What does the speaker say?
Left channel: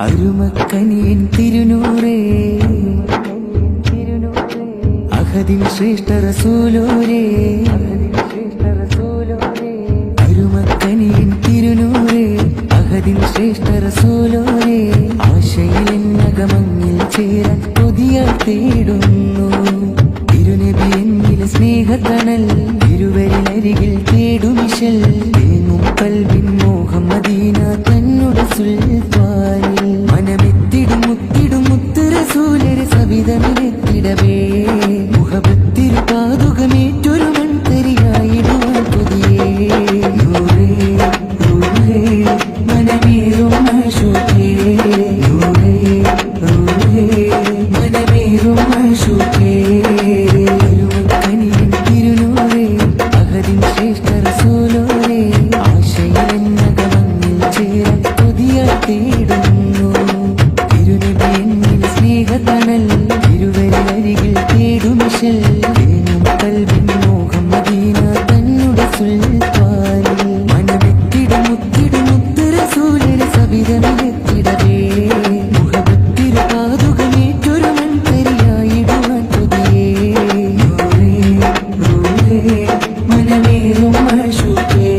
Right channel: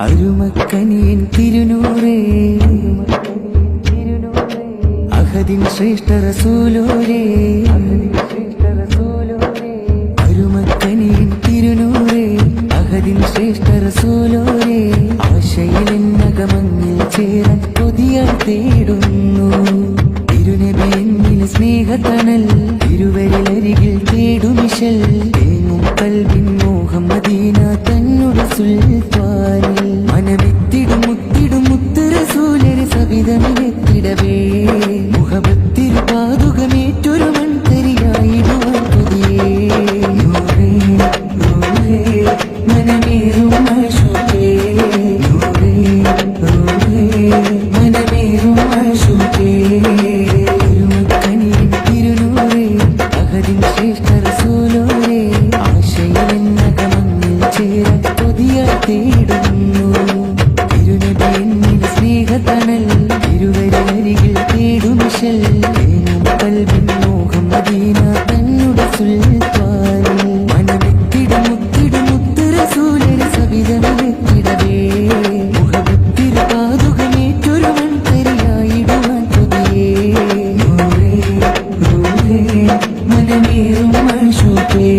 അരുമക്കനിയൻ തിരുനൂറേ അഹദിൻ ശ്രേഷ്ഠ റസൂലോരേ അരുമക്കനിയൻ തിരുനൂറേ അഹദിൻ ശ്രേഷ്ഠ റസൂലോരേ ആശയിലെന്നകമങ്ങിൽ ചേരാൻ കൊതിയാൽ തേടുന്നു തിരുനബി എന്നിലെ സ്നേഹത്തണൽ ഇരുവരിലരികിൽ തേടുമിശൽ തേങ്ങും കൽവിൻ മോഹം മദീന തന്നുടെ സുൽത്താനിൽ മനമെത്തിടും മുത്തിടും മുത്ത് റസൂലരെ സവിധമിലെത്തിടവേ മുഹബത്തിരു പാതുകമേറ്റൊരു മൺതരിയായിടുവാൻ പുതിയേ നൂറേ നൂറേ മനമേറും ആശുക്കേ നൂറേ നൂറേ മനമേറും ആശുക്കേ ശ്രേഷ്ഠ റസൂലോരേ ആശയിലെന്നകമങ്ങിൽ ചേരാൻ കൊതിയാൽ തേടുന്നു തിരുനബി എന്നിൽ സ്നേഹത്തണൽ ഇരുവരിലരികിൽ തേടുമിശൽ തേങ്ങും കൽവിൻ മോഹം മദീന തന്നുടെ സുൽത്താനിൽ മനമെത്തിടും മുത്തിടും മുത്ത് റസൂലരെ സവിധമിലെത്തിടവേ മുഹബത്തിരു പാതുകമേറ്റൊരു മൺതരിയായിടുവാൻ പുതിയേ നൂറേ നൂറേ മനമേറും ആശുക്കേ